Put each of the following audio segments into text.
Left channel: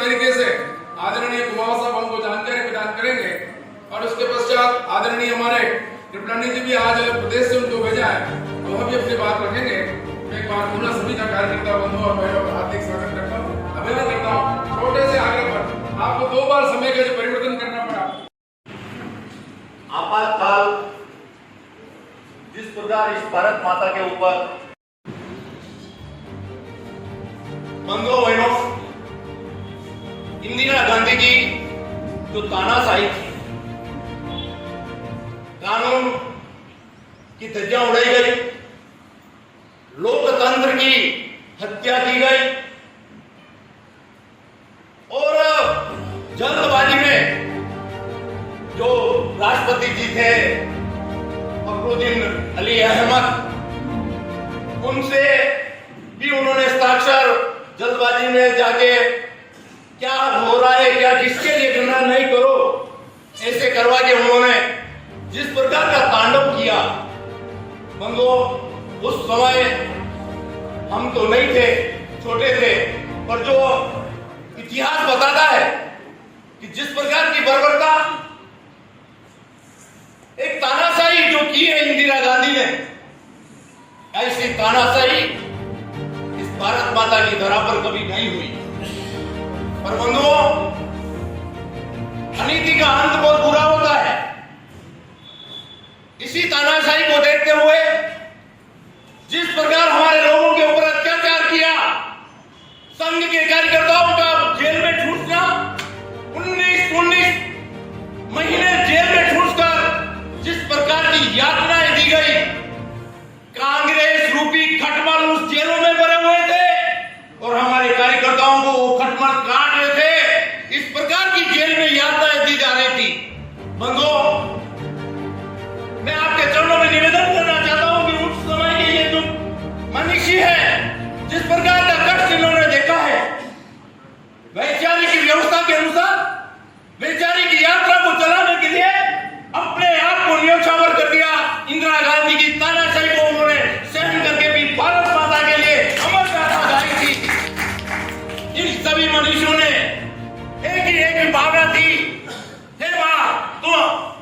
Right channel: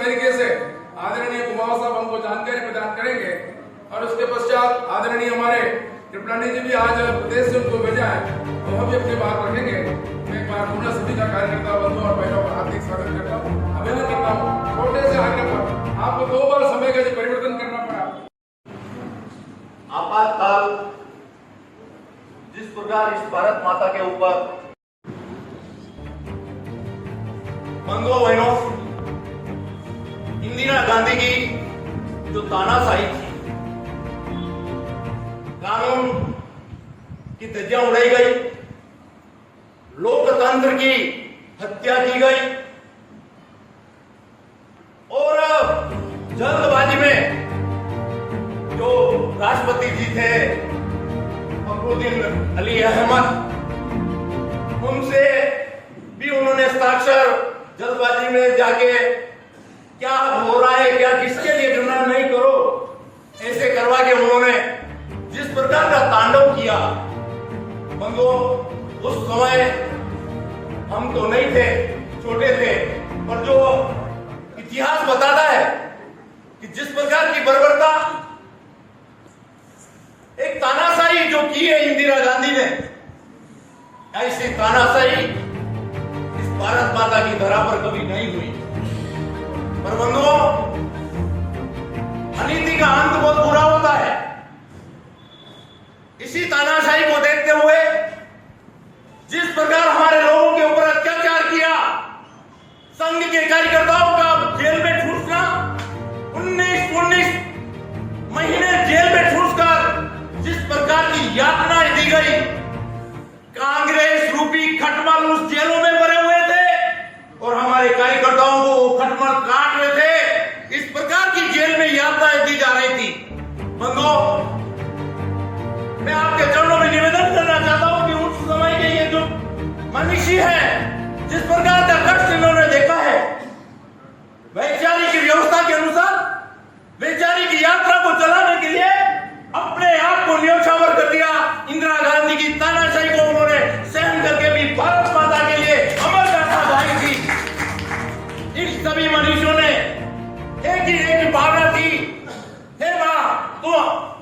तरीके से आदरणीय कुमार साहब हमको जानकारी प्रदान करेंगे और उसके पश्चात आदरणीय हमारे त्रिपुरानी जी भी आज प्रदेश से उनको भेजा है, तो हम भी अपनी बात रखेंगे। मैं एक बार पुनः सभी का कार्यकर्ता बंधु और भाइयों का हार्दिक स्वागत करता हूँ, अभिनंदन करता हूँ। छोटे से आग्रह पर आपको 2 बार समय का जो परिवर्तन करना पड़ा। आपातकाल जिस प्रकार इस भारत माता के ऊपर बंधुओं बहनों इंदिरा गांधी की जो तानाशाही थी, कानून की धज्जियां उड़ाई गई, लोकतंत्र की हत्या की गई और जल्दबाजी में जो राष्ट्रपति जी थे फखरुद्दीन अली अहमद, उनसे भी उन्होंने हस्ताक्षर जल्दबाजी में जाके क्या हो रहा है, क्या किसके लिए करना नहीं करो, ऐसे करवा के उन्होंने जिस प्रकार का तांडव किया। बंधुओं उस समय हम तो नहीं थे, छोटे थे, पर जो इतिहास बताता है कि जिस प्रकार की बर्बरता, एक तानाशाही जो की है इंदिरा गांधी ने, ऐसी तानाशाही इस भारत माता की धरा पर कभी नहीं हुई। पर बंधुओं अनीति का अंत बहुत बुरा होता है। इसी तानाशाही को देखते हुए जिस प्रकार हमारे लोगों के ऊपर अत्याचार किया, संघ के कार्यकर्ताओं का जेल में ठूंसना, 19 महीने जेल में ठूंसकर जिस प्रकार की यातनाएं दी गई, कांग्रेस रूपी खटमल उस जेलों में भरे हुए थे और हमारे कार्यकर्ताओं को वो खटमल काट रहे थे। इस प्रकार की जेल में यातनाएं दी जा रही थी। बंधुओं मैं आपके चरणों में निवेदन करना चाहता हूं कि उस समय के ये जो मनुष्य है, जिस प्रकार का कष्ट इन्होंने देखा है, वैचारिक की व्यवस्था के अनुसार वैचारिक की यात्रा को चलाने के लिए अपने आप को न्योछावर कर दिया। इंदिरा गांधी की तानाशाही को उन्होंने सहन करके भी भारत माता के लिए अमर गाथा गाई थी। इन सभी मनुष्यों ने एक ही भावना थी, हे मां तू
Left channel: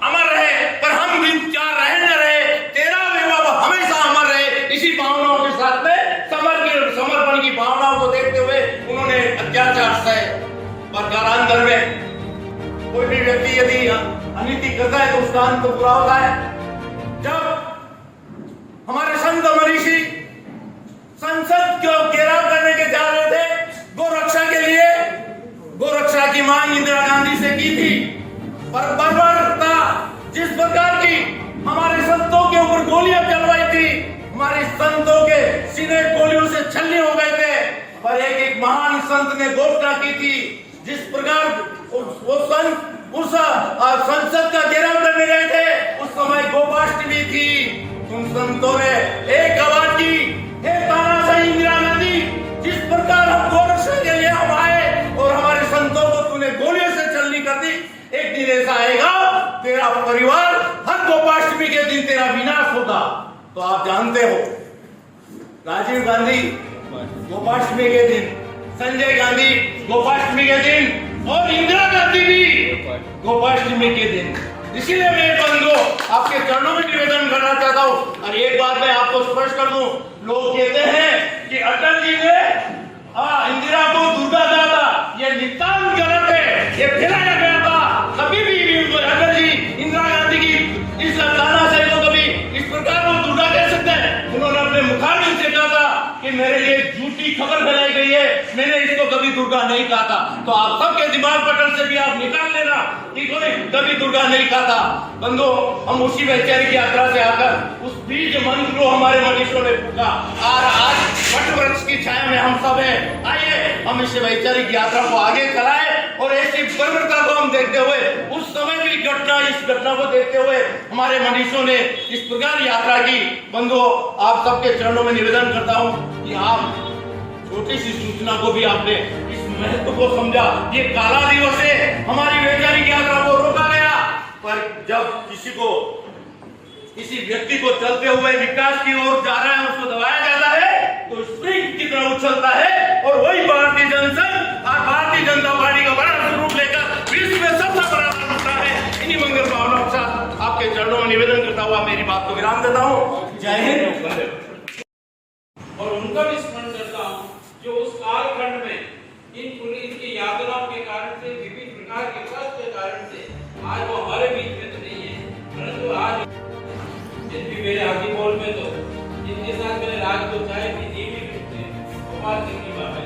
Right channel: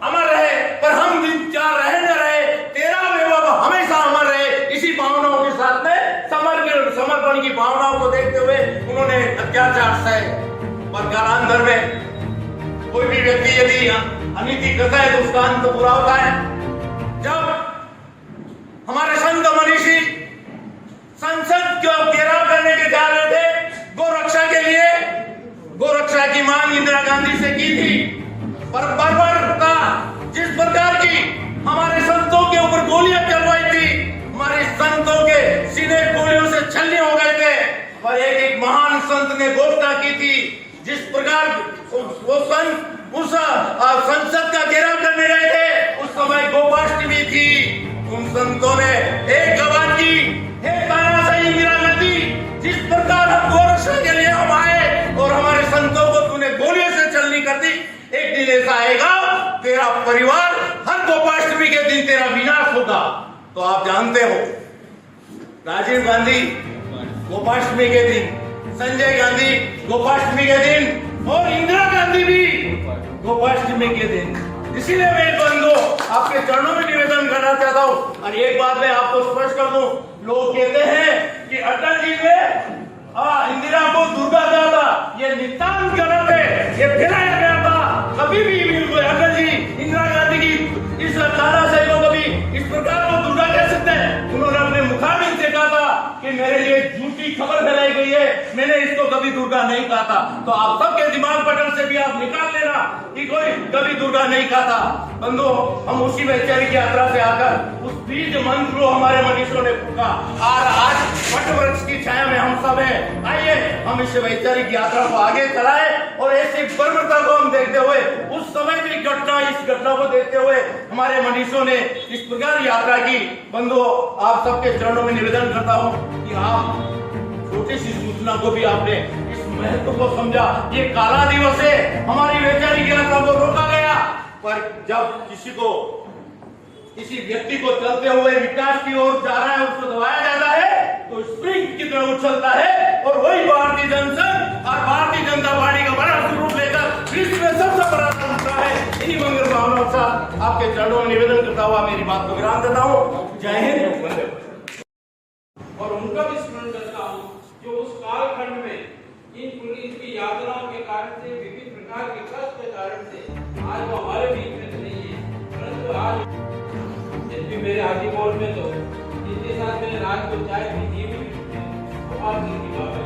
अमर रहे, पर हम दिन क्या रहे न रहे, तेरा वैभव हमेशा अमर रहे। इसी भावनाओं के साथ में समर्पण की भावनाओं को देखते हुए उन्होंने अत्याचार सहे। पर कालांतर में कोई भी व्यक्ति यदि अनीति करता है तो उसका अंत बुरा होता है। जब हमारे संत मनीषी संसद को घेराव करने के जा रहे थे, गोरक्षा के लिए, गोरक्षा की मांग इंदिरा गांधी से की थी, पर बर्बरता जिस प्रकार की हमारे संतों के ऊपर गोलियां चलवाई थी, हमारे संतों के सीने गोलियों से छलनी हो गए थे। पर एक महान संत ने घोषणा की थी, जिस प्रकार वो संत उस संसद का घेराव करने गए थे, उस समय गोपाष्टमी थी। उन संतों ने एक आवाज की, हे तानाशाही इंदिरा गांधी, जिस प्रकार हम गोरक्षा के लिए हम आए और हमारे संतों को तूने गोलियों से छलनी कर दी, एक दिन ऐसा आएगा तेरा परिवार हर गोपाष्टमी के दिन तेरा विनाश होगा। तो आप जानते हो राजीव गांधी गोपाष्टमी के दिन, संजय गांधी गोपाष्टमी के दिन और इंदिरा गांधी भी गोपाष्टमी के दिन। इसीलिए मैं बंधु आपके चरणों में निवेदन करना चाहता हूँ। और एक बात मैं आपको स्पष्ट कर दूं, लोग कहते हैं कि अटल जी ने इंदिरा को दुर्गा कहा था, ये नितांत गलत है, ये फैलाया गया था। कभी भी अटल जी इंदिरा गांधी की इस तानाशाही को कभी इस प्रकार को दुर्गा कह सकते हैं? उन्होंने अपने मुखाबिल से कहा था कि मेरे लिए झूठी खबर फैलाई गई है, मैंने इसको कभी दुर्गा नहीं कहा था। तो आप सबके दिमाग पटल से भी आप निकाल लेना कि कोई कभी दुर्गा नहीं कहा था। बंधुओं, हम उसी वैचारिक यात्रा से आकर उस बीज मंत्र को हमारे मनीषों ने फूका और आज वट वृक्ष की छाया में हम सब हैं। आइए हम इस वैचारिक यात्रा को आगे चलाएं और ऐसी बर्बरता को हम देखते हुए उस समय की घटना, इस घटना को देखते हुए हमारे मनीषों ने इस प्रकार यात्रा की। बंधुओं, आप सबके चरणों में निवेदन करता हूं कि आप छोटी सी सूचना को भी आपने इस महत्व को समझा। ये काला दिवस है, हमारी वैचारिक यात्रा को रोका गया, पर जब किसी व्यक्ति को चलते हुए विकास की ओर जा रहा है, उसको दबाया जाता है तो स्प्रिंग की तरह उछलता है और वही भारतीय जनसंघ और भारतीय जनता पार्टी का बड़ा स्वरूप लेकर विश्व में सबसे बड़ा संस्था है। इन्हीं मंगल भावनाओं के साथ आपके चरणों में निवेदन करता हुआ मेरी बात को विराम देता हूँ। जय हिंद। और उनका भी स्मरण करता हूँ जो उस कालखंड में इनकी यातनाओं के कारण से, विभिन्न प्रकार के कष्ट के कारण से आज वो हमारे बीच में तो नहीं है, परंतु आज यदि मेरे हाथी बोल में तो जिनके साथ मैंने रात को चाय पी थी भी गोपाल सिंह की बात है।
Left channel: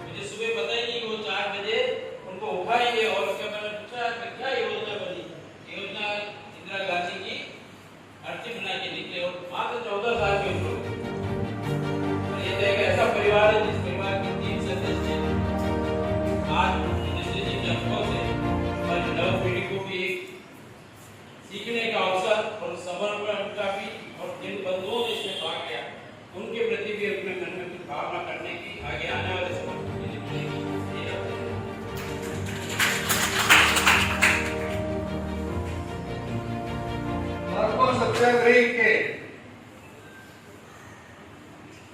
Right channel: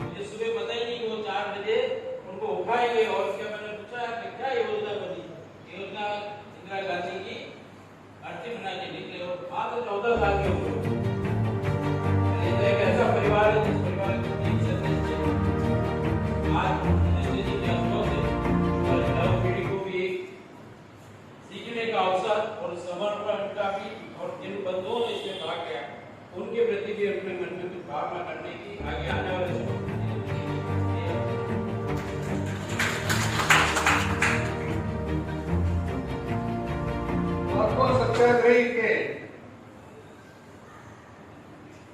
मुझे सुबह पता ही नहीं, वो 4 बजे उनको उठाएंगे और उसके मैंने पूछा कि क्या योजना बनी। योजना इंदिरा गांधी की अर्थी बना के निकले और मात्र 14 साल के ऊपर ऐसा परिवार है जिस परिवार के 3 सदस्य आज जी के अफसोस है और नव पीढ़ी को भी एक सीखने का अवसर और समर्पण का भी, और जिन बंधुओं ने इसमें भाग लिया उनके प्रति भी अपने मन में कुछ भावना करने की आगे आने वाले समय सत्याग्रही के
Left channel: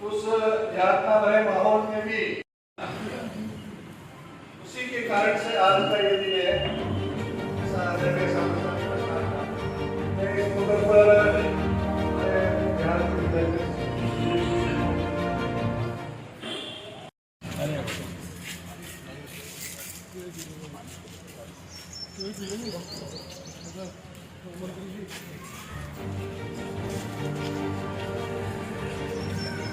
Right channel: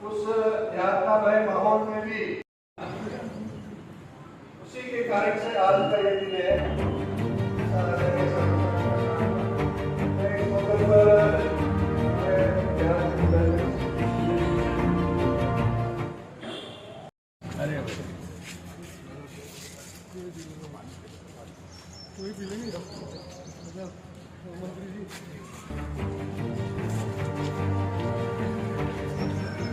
उस यातना भरे माहौल में भी उसी के कारण से आज का ये दिन है। मैं इस मौके पर मंत्री जी